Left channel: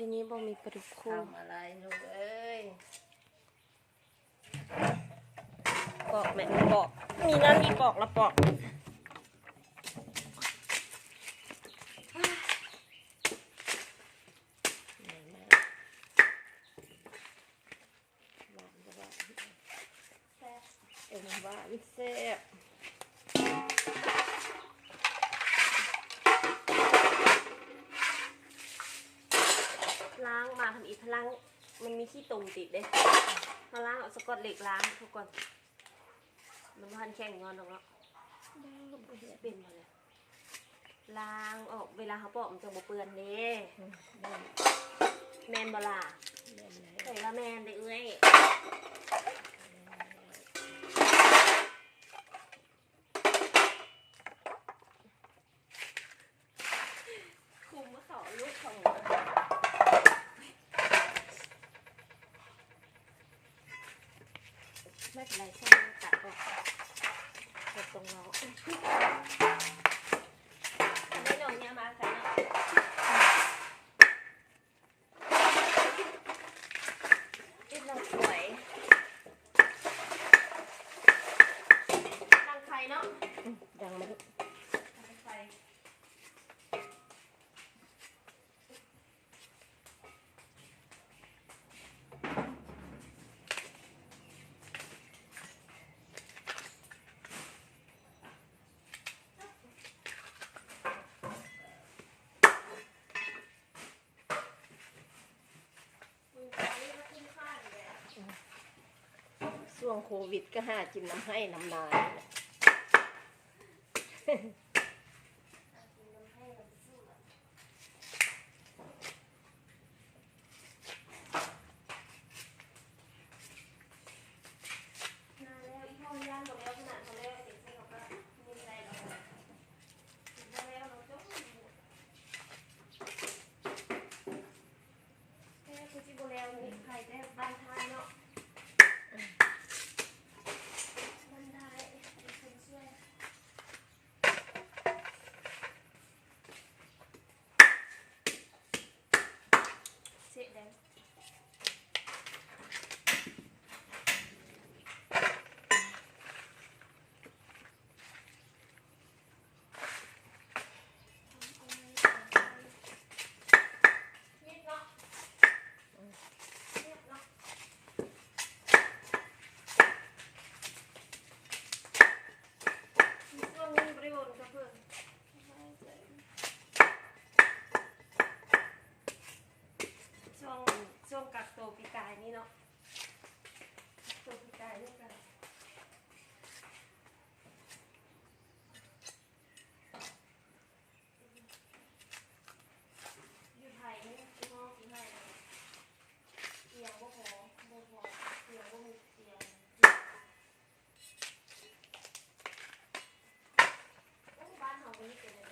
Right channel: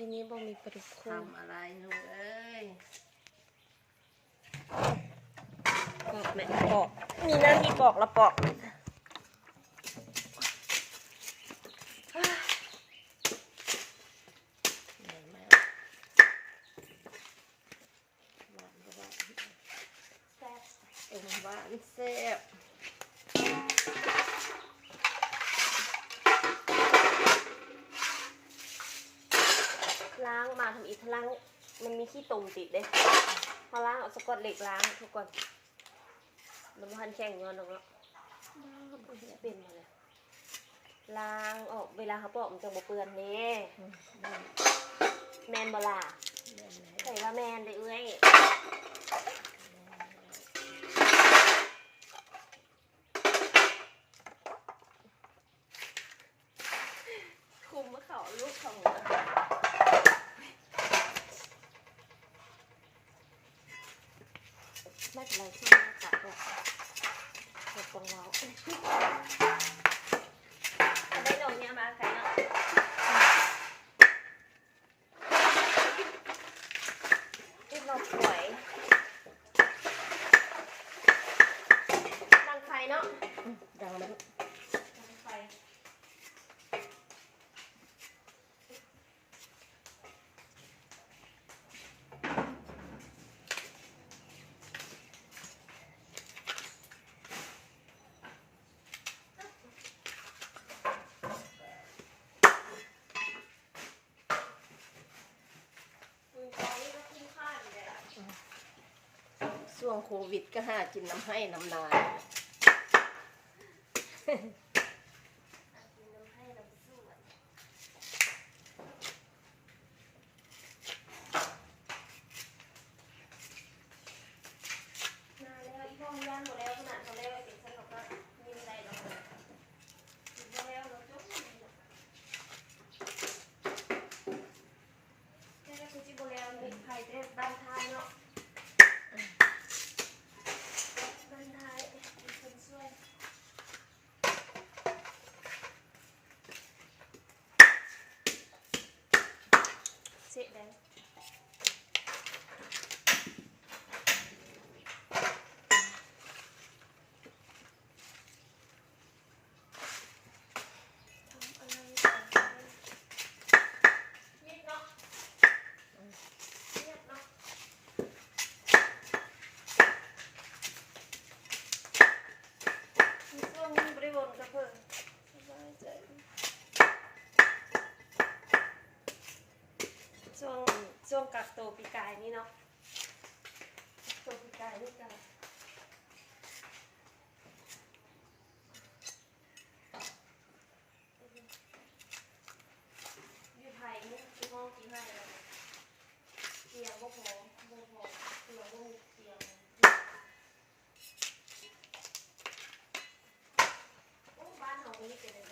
ปีนี้บ่มีปลาดุกคู่ ทำอะไรลูกเอ้ย ปอกแม่ปอกมีหน้าที่ปอกแล้วปอกไหนมาหวานก็หวาน แซ่บ เอ็มหวานแซ่บล้างมาทำอีกล้างมันมีขี้ตุ่มติดเด้พอล้างเอาสกอตเหล็กล้างทุกคนมันพันแข็งย้อนแล้วก็เป็นมาเลยล้างออกเวลาเขาปอกมันจะบ่เปื้อนเด้แมนบ่ล่ะ แม่นแล้ว ใส่ว่าแมนเลยเอ้ยคุมมะเขาลูกของไม่เป็นไรช่างตัดออกตัดตรงเราอันนี้เดี๋ยวนี้มาใส่เนาะอีกหน่อยสวยดังไฟเนาะ ดังไหมลูก ดังไฟช่วงโควิดก็หากินน้ำให้น้ำนาบ้านท้ายเนาะบ้านท้ายเป็นคนช่วยเสียแดงช่วงกักตัวปีกายนี่เนาะตัวปีกายนี่กันอยู่ไทยนี่ที่ห้องกี่ไทยเตียงก็พอเตียงก็มีเตียงบ้านของนี่เป็นอะไร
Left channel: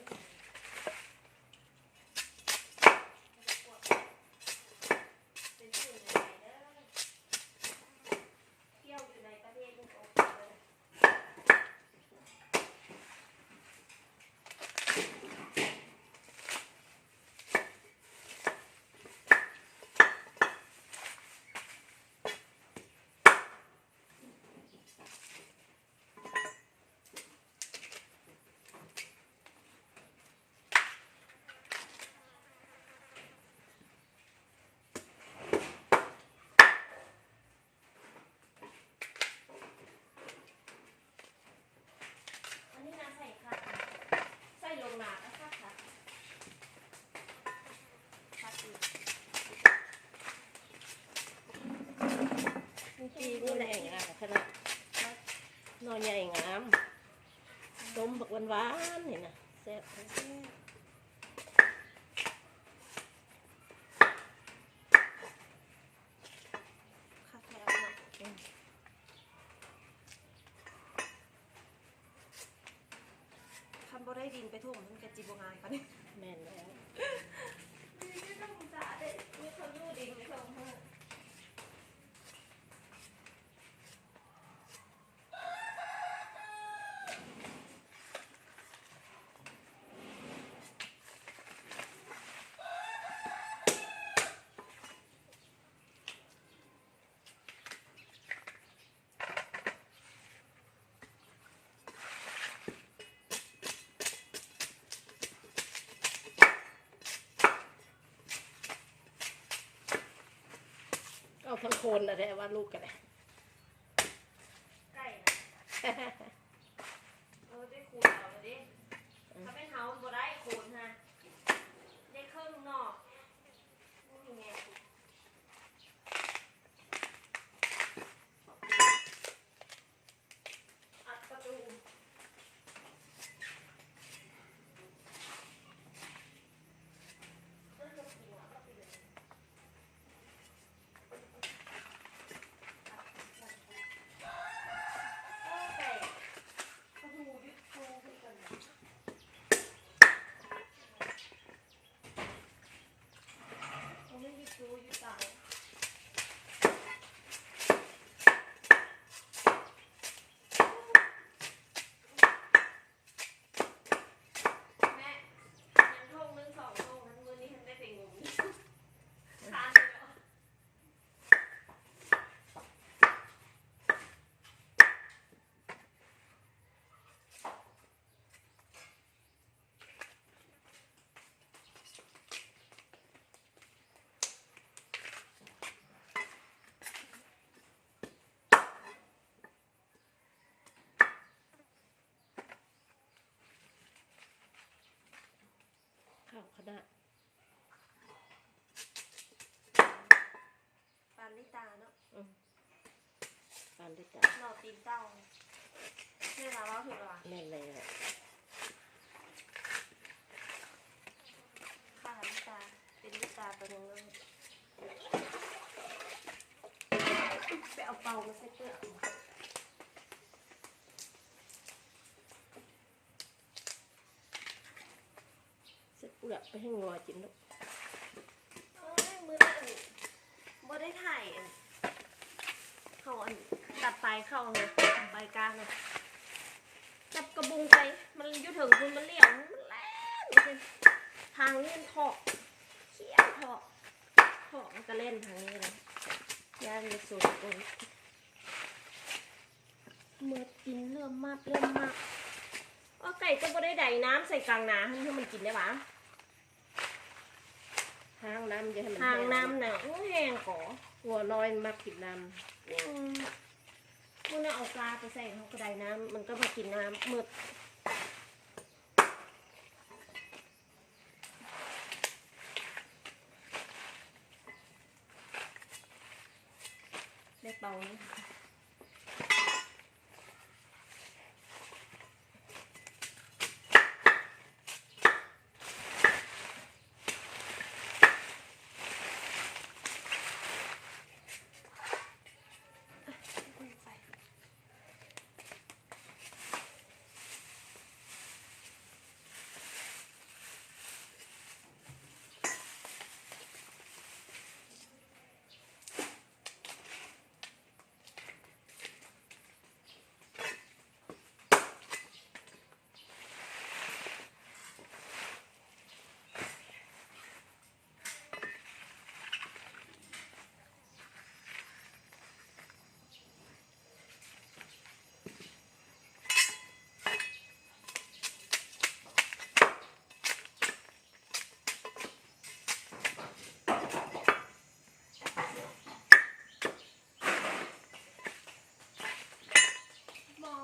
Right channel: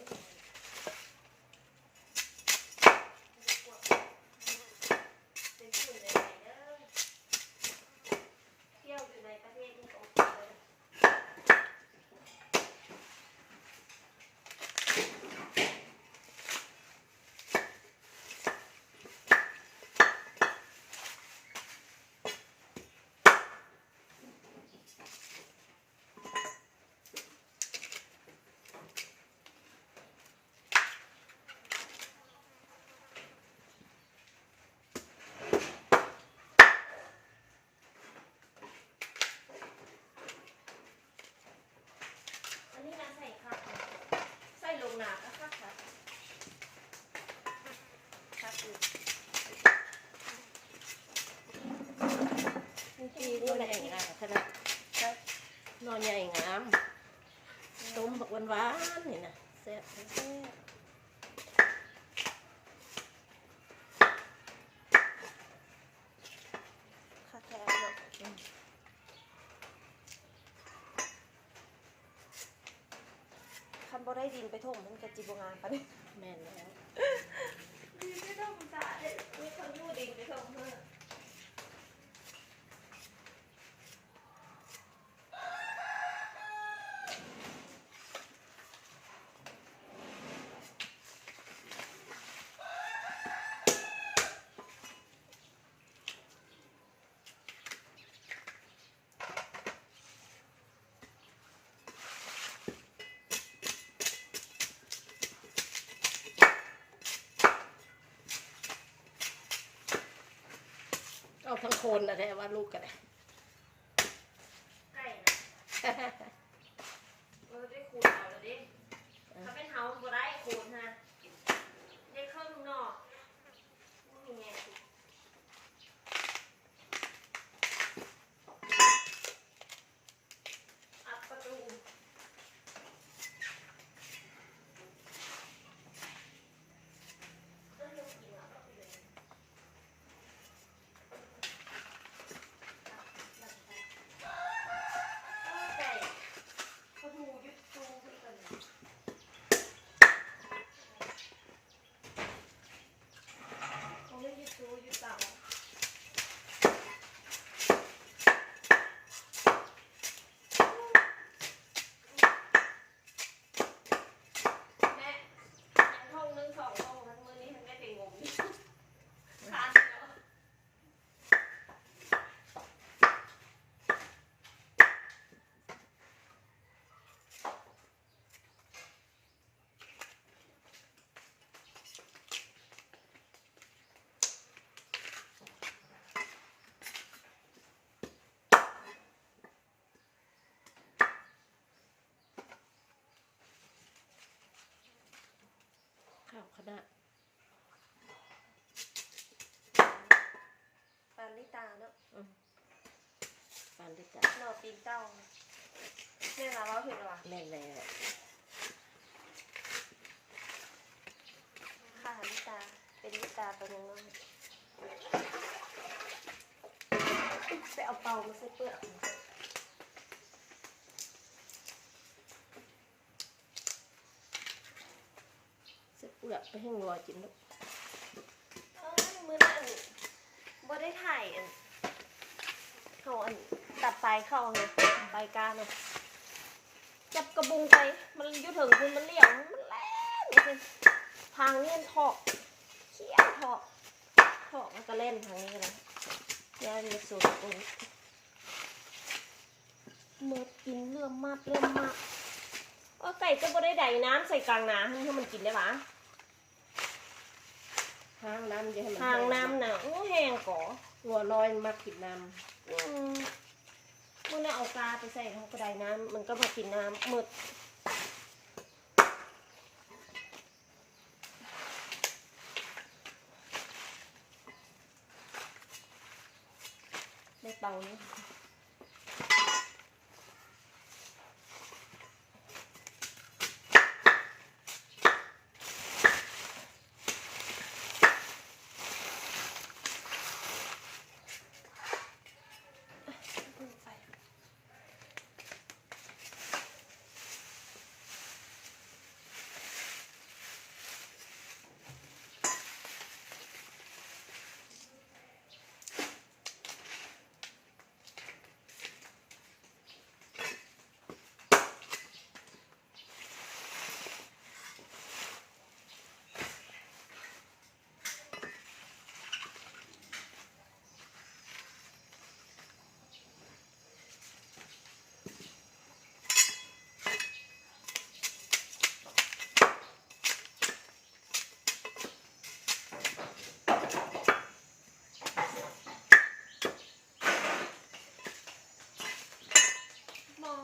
ปีนี่ใหญ่งามขนาดนอนใหญ่งามต้มบักหวานๆนี่นะแซ่บคันบ่ได้ดินไปถมมันจะจีบงานกัน แม่นแล้ว ดินไม่ต้องจ่าได้ไม่คนรู้ดินไปถมเพื่อ ทั้งคนนะแท้ว่าลูกกันเลย ไก่นะได้คูณเอาแล้วดิถ้าเป็นเฮาบ่ได้คูณฮะได้เครื่องนอกนี่ไงอัดประตูข้าวคณะ ตามนิตาเนาะ ปานได้จ้ะ หน่อปีนเก้าเนี่ยนะเราถึงหรอ แน่นแล้ว ค่ะนิตาเป็นนิตาตัวนึงไปเอาเตามาใส่เปลือก เสื้อเปลือกไปให้งัวกินลูก เอ้ยมื้อนั้นบ่ได้ถ่ายเขาดับไฟเข้าไงไฟกลางเลยจับกระบุงไปมันอยู่ถึงคุณมันเลี้ยวมันแล่นเลยทางนี้มันถอกเขี้ยวถอกมันก็เล่นทางนี้เลยย่านมีสูตรคนเมื่อกินเริ่มมากว่าไก่ก็บ่ได้ใดน้ำใส่กลางนาให้มันกินได้ปะ ทางน้ำจะให้มัน ทาง แห้ง น้ำหนังแห้งก่อ งัวน้อยมักกินน้ เมื่อเนี่ยเอากาไปใส่ในกระไดน้ำมันก็มากินน้ำหมดได้เป่านี้ หม้อ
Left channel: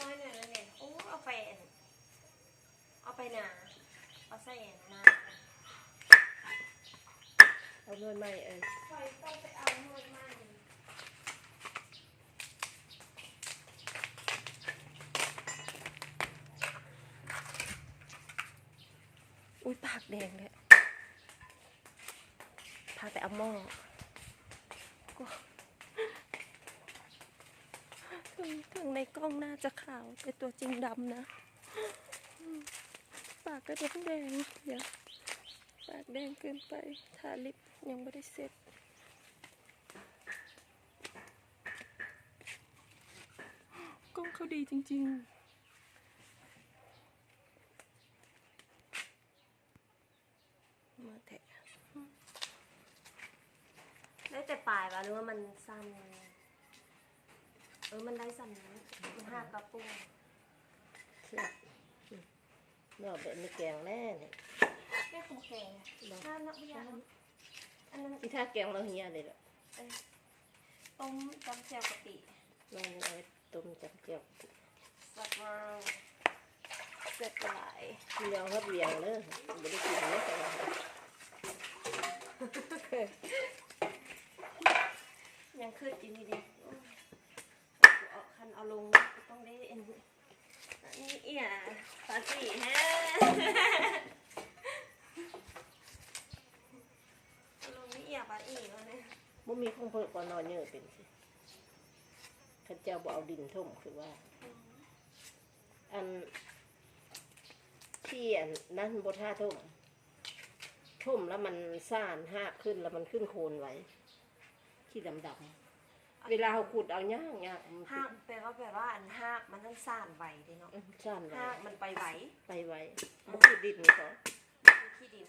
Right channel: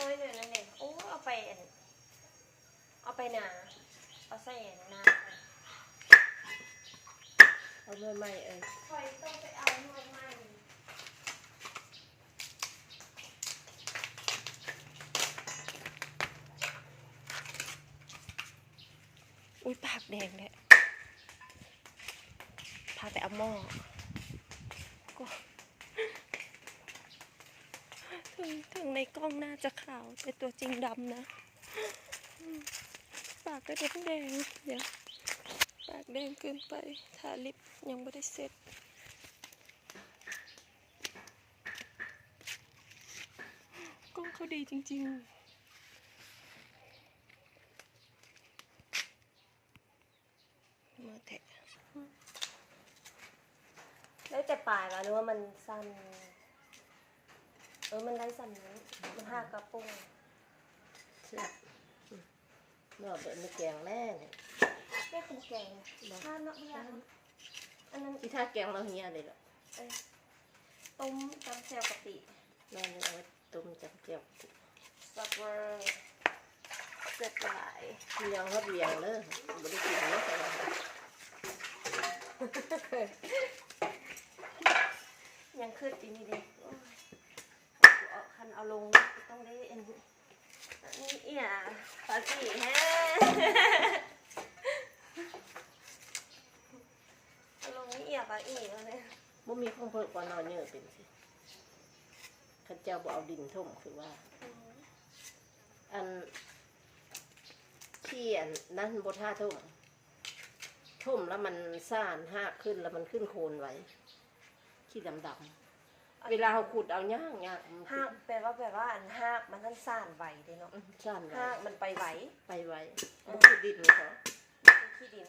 น้อยหน่อยนะเนี่ยโอ้เอาไปนาเอาใส่นา ำเอาด้วยไม้เอ้ย คอยต้องไปเอาหน่วยใหม่ อุ้ยปากแดงเลยพาแต่เอาหม้อก็ถึงในกล้องน่าจะขาวแต่ตัวจริงดำนะปากก็แดงเดี๋ยวปากแดงเกินไปทาลิปยังไม่ได้เสร็จกล้องเขาดีจริงๆมาแทะได้แต่ปลายมานึกว่ามันสั้นมันได้สั้นนี้มันหักกระปุก เสียบเนาะแบบไม่แกงแน่เนี่ย ได้คุณแก่น่าเนาะพี่ยา อันนั้น ที่ท่าแกงเราเฮียเลยหรอ ต้มจำแจ่วกะปิ นอนยังเอาไว้ต้มจับเจียว สับเวอร์เสร็จหลาย ยังฮอดเวียงเลยไม่ได้กินเนาะแต่ว่า ยังคืดจีนี่ดิเอาคันเอาลงต้องได้เอ็นนี่เอี่ยปาสิฮะเอาลงนี่เอี่ยปาอีแล้วเนี่ย บ่มีของเพิ่นก่อนนอนเยอะเป็นสิข้าเจ้าบ่เอาดินท่มคือว่า อันที่อันนั้นบ่ท่าท่มแล้วมันซ่านหากขึ้นแล้วมันขึ้นโคนไว้ขี้ดำๆเวลาเขาขุดเอาย่างมัน ห้ากแปลว่าอันห้ากมันทั้งซ่านไหวเด้เนาะ ซ่านไว้ ห้ากมันไปไหว ไปไว้บ่คือดินเขา เป็นขี้ดิน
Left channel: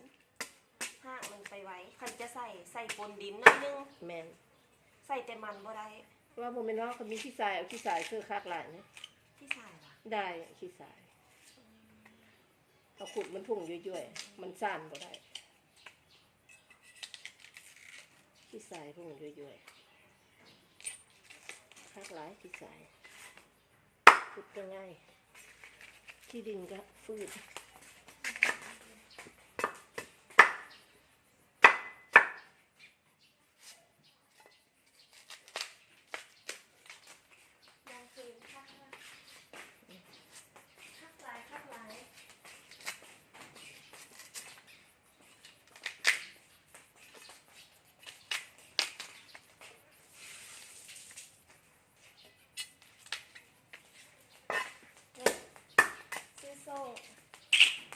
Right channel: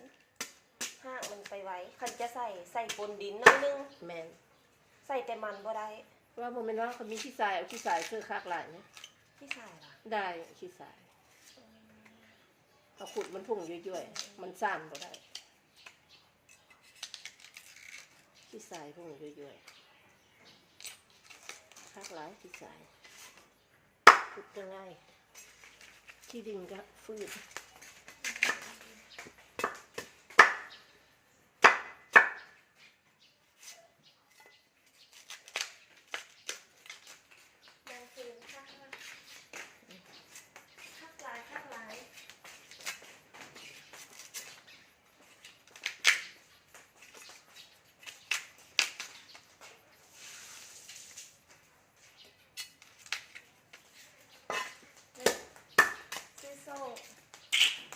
ห้ากมันไปไหวคันจะใส่ปนดินหนิดนึง แม่น ใส่แต่มันบ่ได้ ว่าบ่แม่นว่าเขามีขี้ทรายเอาขี้ทรายซื้อคักหลายเนี่ย ที่ใส่ล่ะ ได้ขี้ทรายเขาขุดมันพุ่งย่อยๆมันซ่านบ่ได้ขี้ทรายพุ่งย่อยๆคักหลายขี้ทรายขุดก็ง่ายขี้ดินก็ฟืด ยังคืนคักหลาย ซื้อโซ่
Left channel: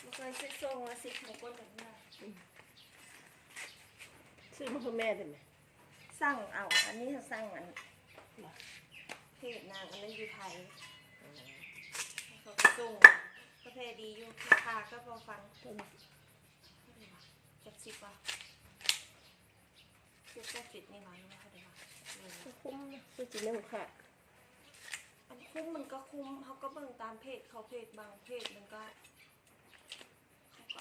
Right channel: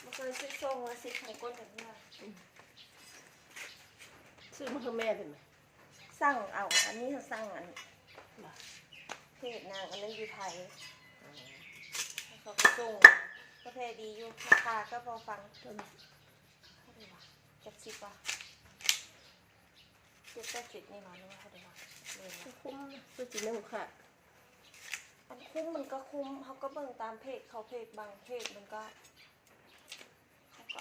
มันเคยซื้อโซ่มาสิไข่ก้นแบบนี้ ซื้อมาให้แม่ได้ไหม สั่งเอาอันนี้จะสั่งอันเพจนางอันนั้นอยู่ไทยเขาก็ส่งกาแฟดีอยู่ราคาก็พอฟังจักสิบป่ะซื้อแค่สิบนี่หว่านี่เขาเดียว คุ้มซื้อจีนึงค่ะ มันคุ้มมันก็คุ้มเขาก็เบิ่งตามเพจเขาเพจบางเพจมันก็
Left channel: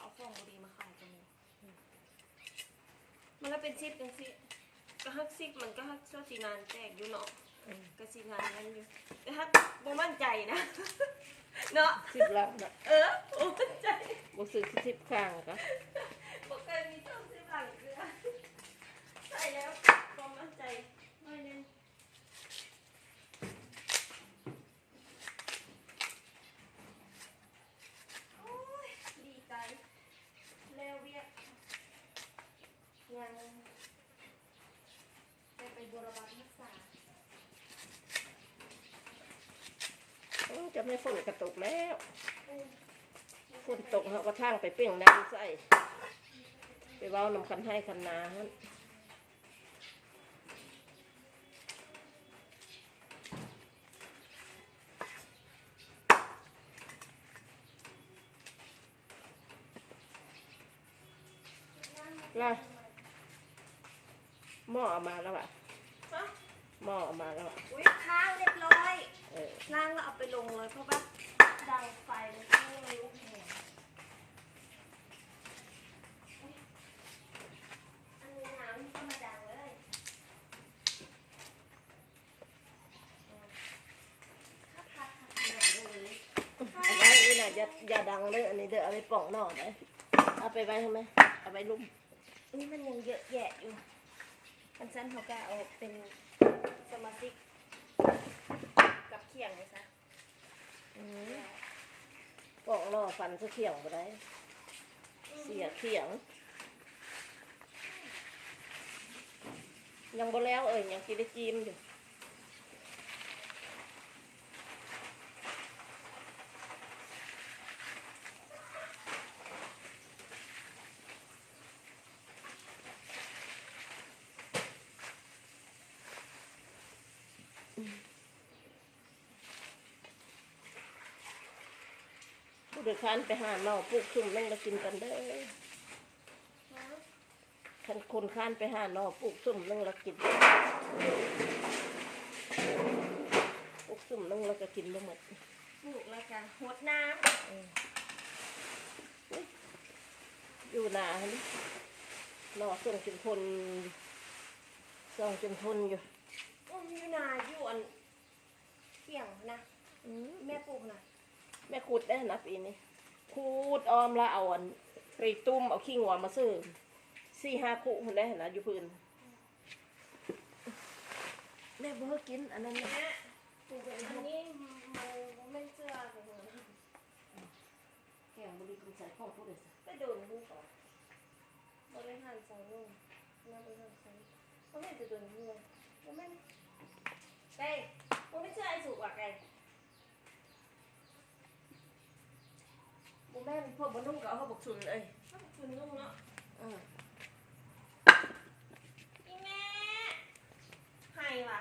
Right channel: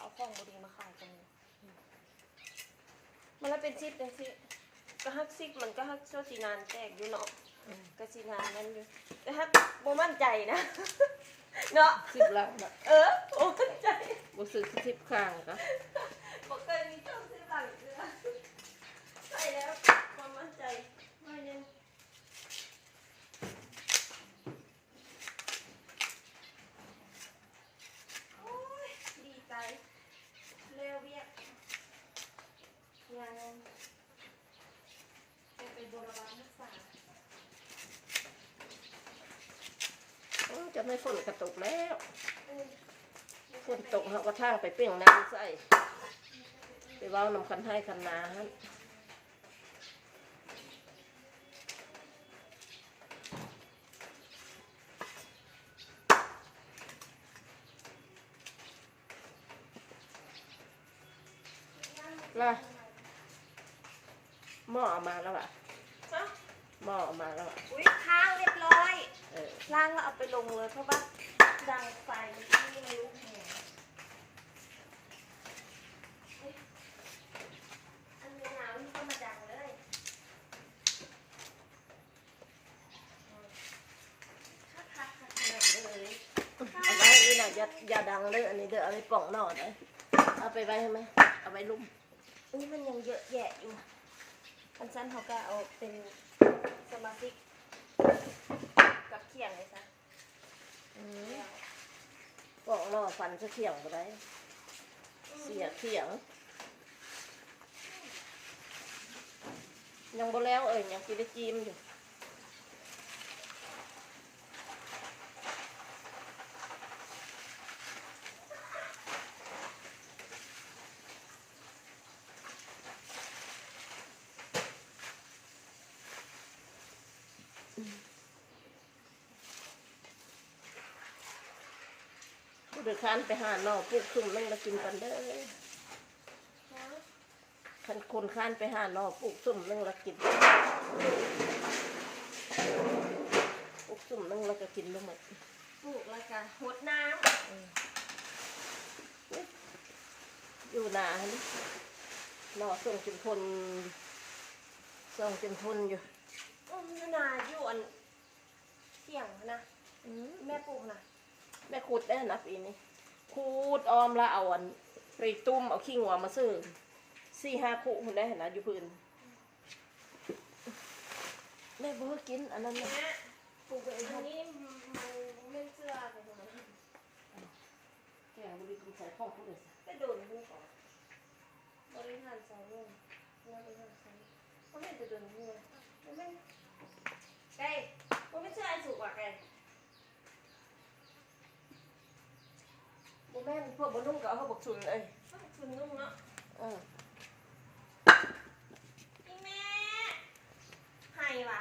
เอาของดีมาขายกันมันก็เป็นซิปจังสิก็ฮักซิปมันก็ฮักโซซีนานแตกอยู่เนาะก็ซีนานนั่นอยู่แต่ฮักบ่มั่นใจนะเนาะ 10 ล้านบาท โอ้มั่นใจ บ่ซื้อ10ข้างก็ บ่เคยมีต้องซื้อบางเกลือใส่แล้วความมั่นใจไม่แน่นโอ้ยดีใจเร็วเบี้ยยังไปบูรณารักษา จะไม่ฝนกระตกแล้วฝนตกเขาก็ทางไปเปรี้ยงน้ำใส่ไปเว้าน้ำคันให้คันนาฮะล่ะหม้อเอามาแล้วอ่ะหม้อเอามาแล้วอ่ะ อุ้ยค้างเรียบร้อย ล้ างแล้วเอาไปลงเลยเพราะว่าดังไฟมันไม่เลยลุกแหงอันนี้น้ำก็มาดังเลยเลย เอาไว้นี่นะอย่าดังเลยอันนี้เดี๋ยวเอาไปป่องหน่อเลยเอาไปไว้ใช่ไหมเอาไว้ลุ่ม นี่มันยังเยอะแยะอยู่อันสั้นเขาก็เอาเป็นสมาชิกกับเขียงเลยจ้ะ ป่องหน่อฟันจะเขียงไปได้เสียเขียงยังบ่แล้วยังกินได้จิ้มอยู่ผู้โดยสารไปหาหน่อปลูกซุ่มนั่งมากินกันเด้อคันคนข้านไปหาหน่อปลูกซุ่มนั่งละกินปลูกซุ่มนั่งแล้วก็กินลงหมด ปลูกแล้วก็หดน้ อยู่หนาฮะนี่ ำ รอส่งจนทนส่งจนทนอยู่ อยู่นาอยู่อันเที่ยงนะแม่ปลูกนะ แม่ขุดได้นะปีนี้ขุดออมแล้วเอาอันไปตุ้มเอาขี้งัวมาซื้อ4-5 คู่คนได้นะอยู่พื้นแม่บุ้งกินอันนั้นนะ แม่ปลูกอันนี้มันไม่เชื่อเลยนะ แกงบริกินใส่ข้องพูดเลย ไปโดนหูก่อนบริหารใส่ลงเราบริหารใส่เขาไม่จะโดนหูเลยเขาไม่ไก่เขาไม่เชื่อไอ้สุกอ่ะไก่ บุแม่นพวกบนนุ่งก็เอาเขาบอกชุนเลย เขาบอกคือนุ่งเนาะ เออ พี่แม่ไห้ว่ะ